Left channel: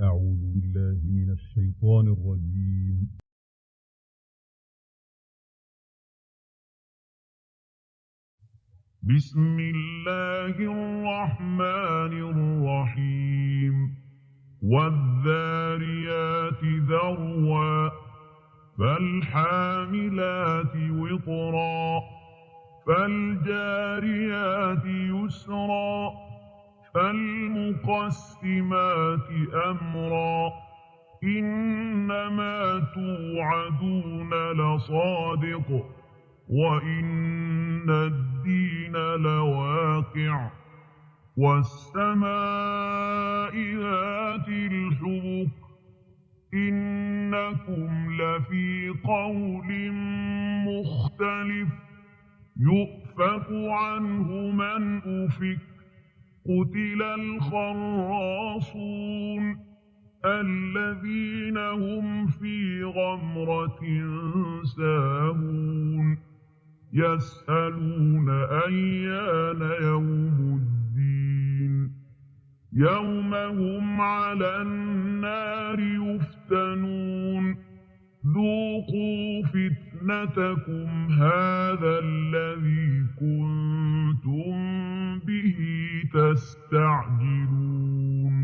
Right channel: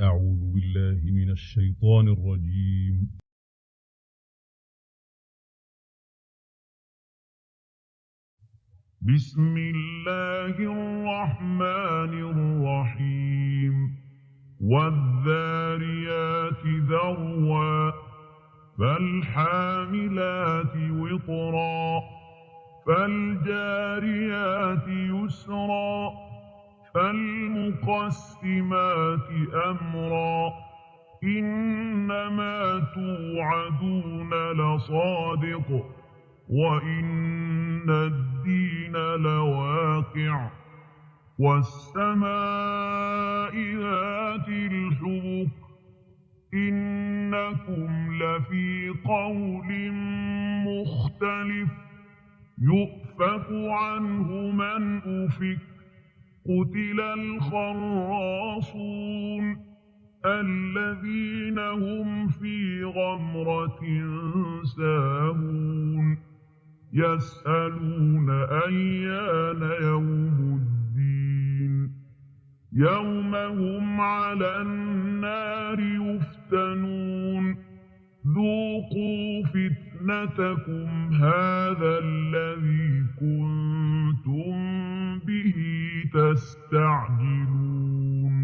أعوذ بالله من الشيطان الرجيم. بسم الله الرحمن الرحيم. والذاريات ذروا فالحاملات وقرا فالجاريات يسرا فالمقسمات أمرا إنما توعدون لصادق وإن الدين لواقع والسماء ذات الحبك إنكم لفي قول مختلف يؤفك عنه من أفك قتل الخراصون الذين هم في غمرة ساهون يسألون أيان يوم الدين يوم هم على النار يفتنون ذوقوا فتنتكم هذا الذي كنتم به تستعجلون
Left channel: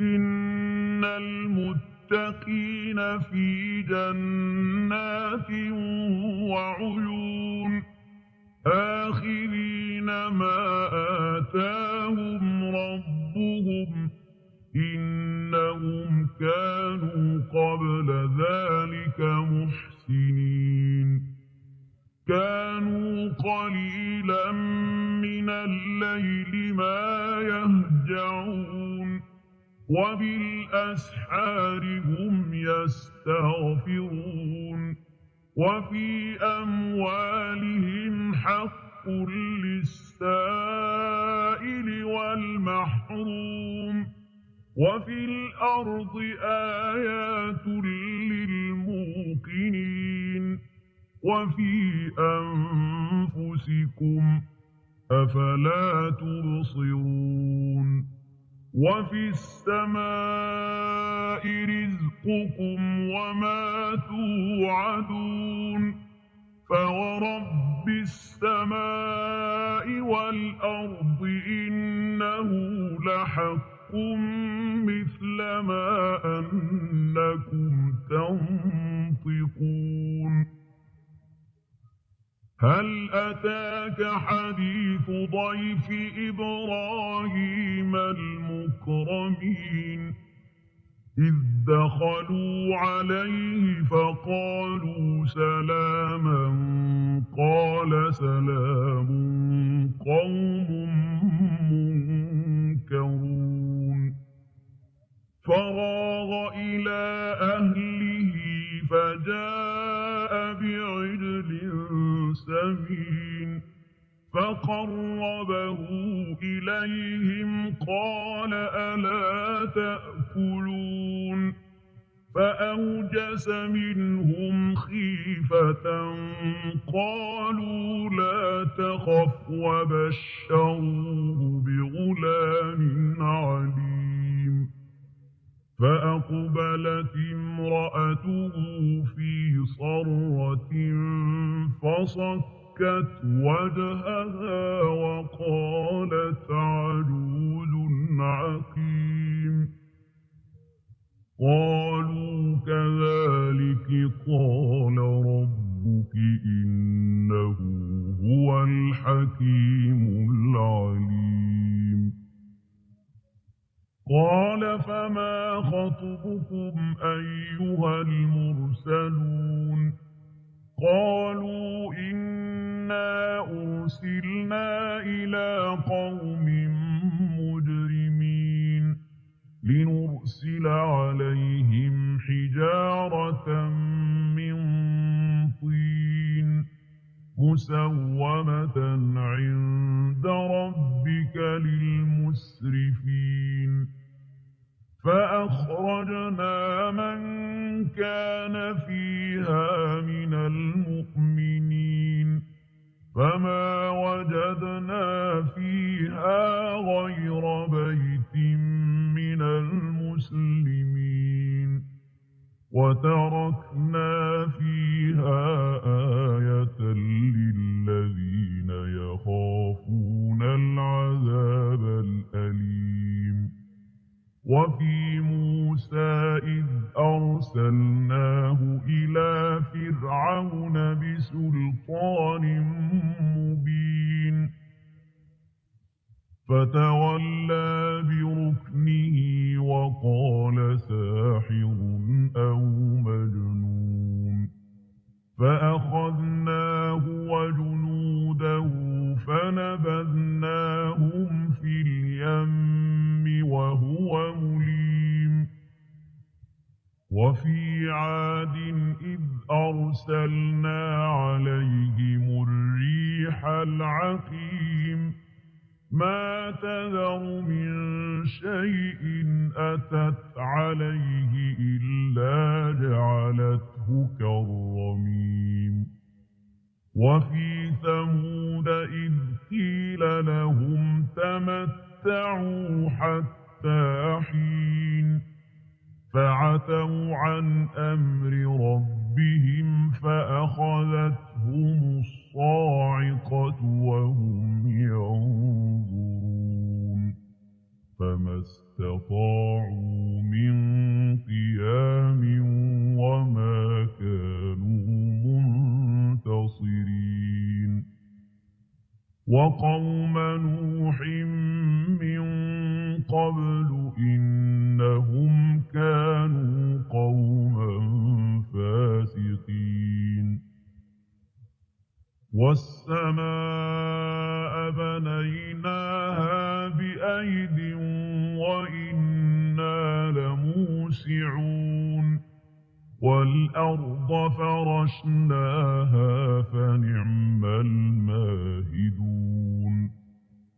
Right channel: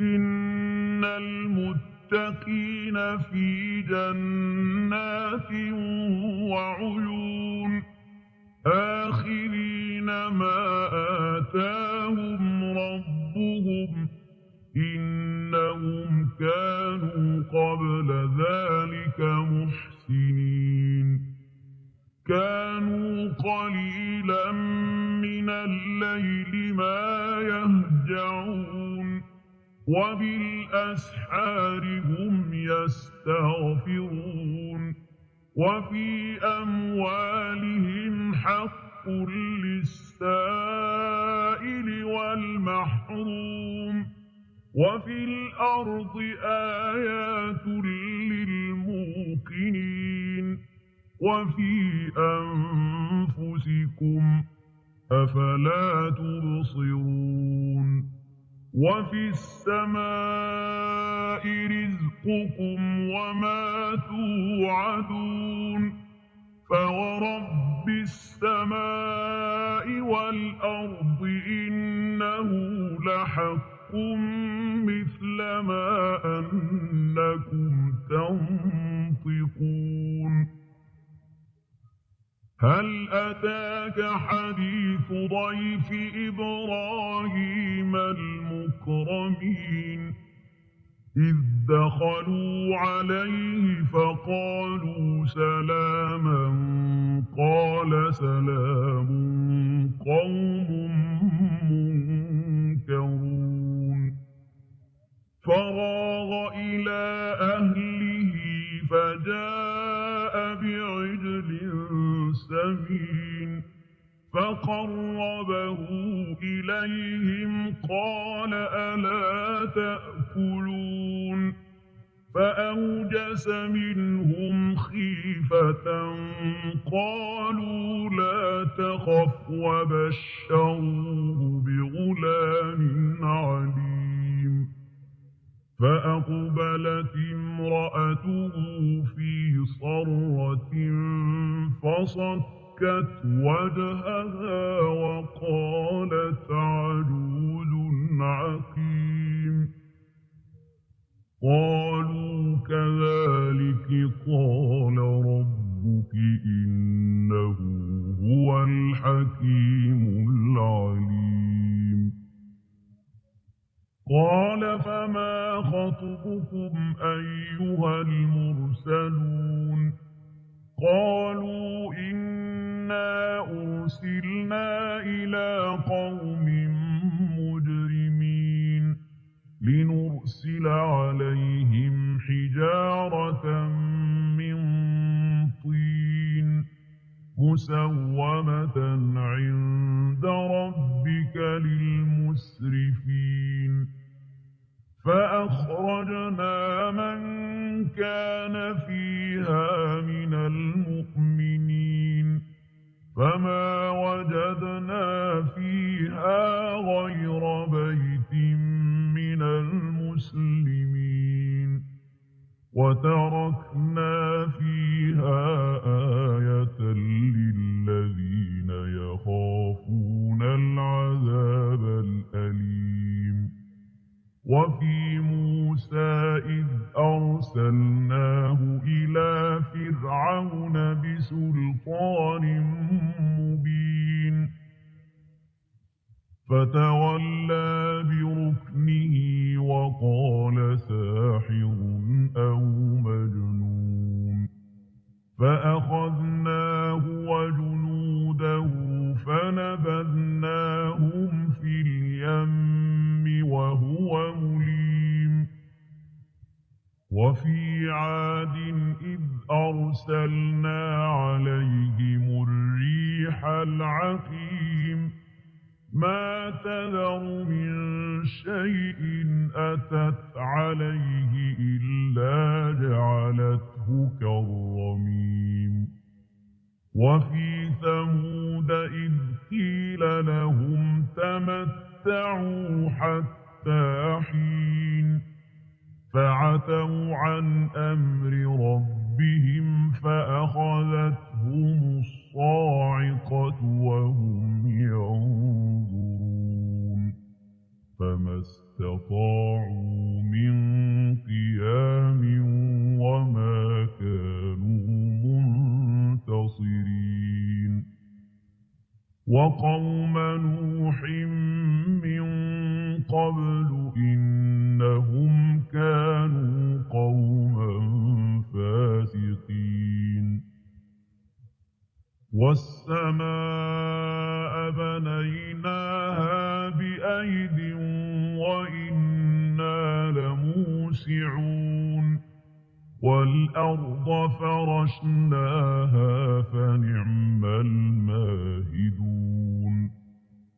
إن المتقين في جنات وعيون آخذين ما آتاهم ربهم إنهم كانوا قبل ذلك محسنين كانوا قليلا من الليل ما يهجعون وبالأسحار هم يستغفرون وفي أموالهم حق للسائل والمحروم وفي الأرض آيات للموقنين وفي أنفسكم أفلا تبصرون وفي السماء رزقكم وما توعدون فورب السماء والأرض إنه لحق مثل ما أنكم تنطقون هل أتاك حديث ضيف إبراهيم المكرمين إذ دخلوا عليه فقالوا سلاما قال سلام قوم منكرون فراغ إلى أهله فجاء بعجل سمين فقربه إليهم قال ألا تأكلون فأوجس منهم خيفة قالوا لا تخف وبشروه بغلام عليم فأقبلت امرأته في صرة فصكت وجهها وقالت عجوز عقيم قالوا كذلك قال ربك إنه هو الحكيم العليم قال فما خطبكم أيها المرسلون قالوا إنا أرسلنا إلى قوم مجرمين لنرسل عليهم حجارة من طين مسومة عند ربك للمسرفين فأخرجنا من كان فيها من المؤمنين فما وجدنا فيها غير بيت من وتركنا فيها آية للذين يخافون العذاب الأليم وفي موسى إذ أرسلناه إلى فرعون بسلطان مبين فتولى بركنه وقال ساحر أو مجنون فأخذناه وجنوده فنبذناهم في اليم وهو مليم وفي عاد إذ أرسلنا عليهم الريح العقيم ما تذر من شيء أتت عليه إلا جعلته كالرميم وفي ثمود إذ قيل لهم تمتعوا حتى حين فعتوا عن أمر ربهم فأخذتهم الصاعقة وهم ينظرون فما استطاعوا من قيام وما كانوا منتصرين وقوم نوح من قبل إنهم كانوا قوما فاسقين والسماء بنيناها بأيد وإنا لموسعون والأرض فرشناها فنعم الماهدون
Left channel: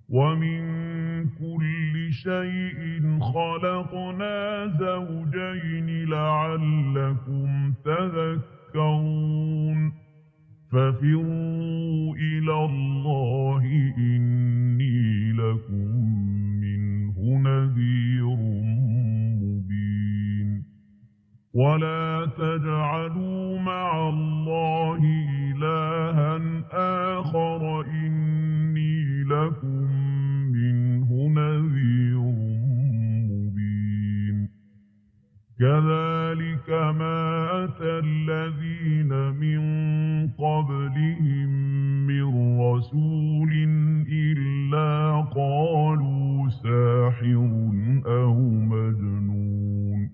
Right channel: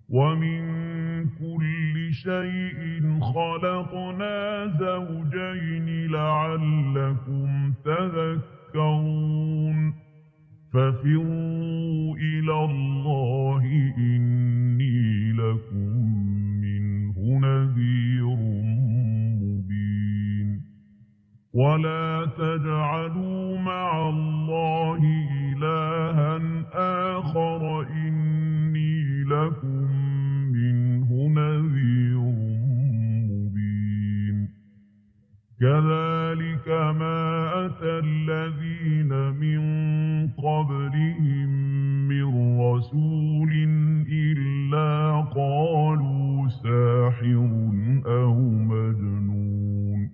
ومن كل شيء خلقنا زوجين لعلكم تذكرون ففروا إلى الله إني لكم منه نذير مبين ولا تجعلوا مع الله إلها آخر إني لكم منه نذير مبين كذلك ما أتى الذين من قبلهم من رسول إلا قالوا ساحر أو مجنون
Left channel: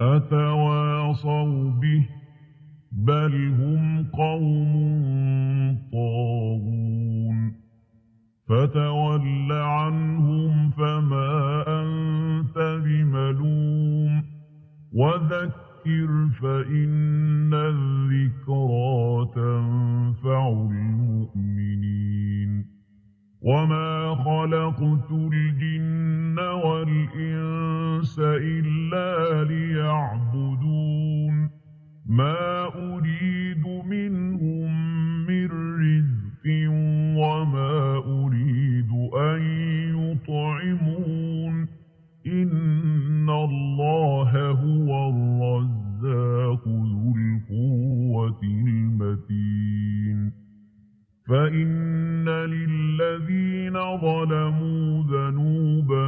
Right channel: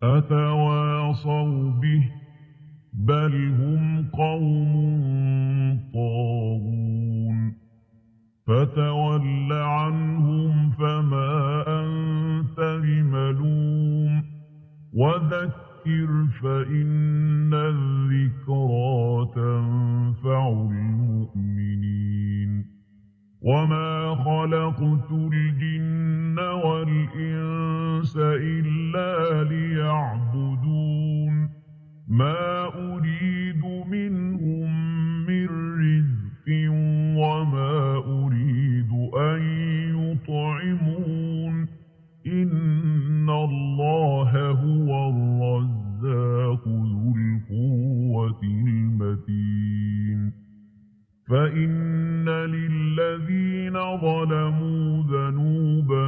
أتواصوا به بل هم قوم طاغون فتول عنهم فما أنت بملوم وذكر فإن الذكرى تنفع المؤمنين وما خلقت الجن والإنس إلا ليعبدون ما أريد منهم من رزق وما أريد أن يطعمون إن الله هو الرزاق ذو القوة المتين فإن للذين ظلموا ذنوبا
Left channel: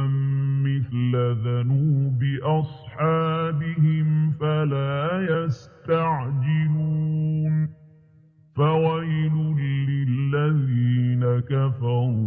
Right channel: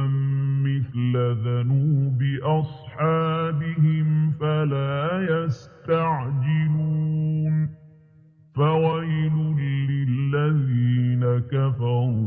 مثل ذنوب أصحابهم فلا يستعجلون فويل للذين كفروا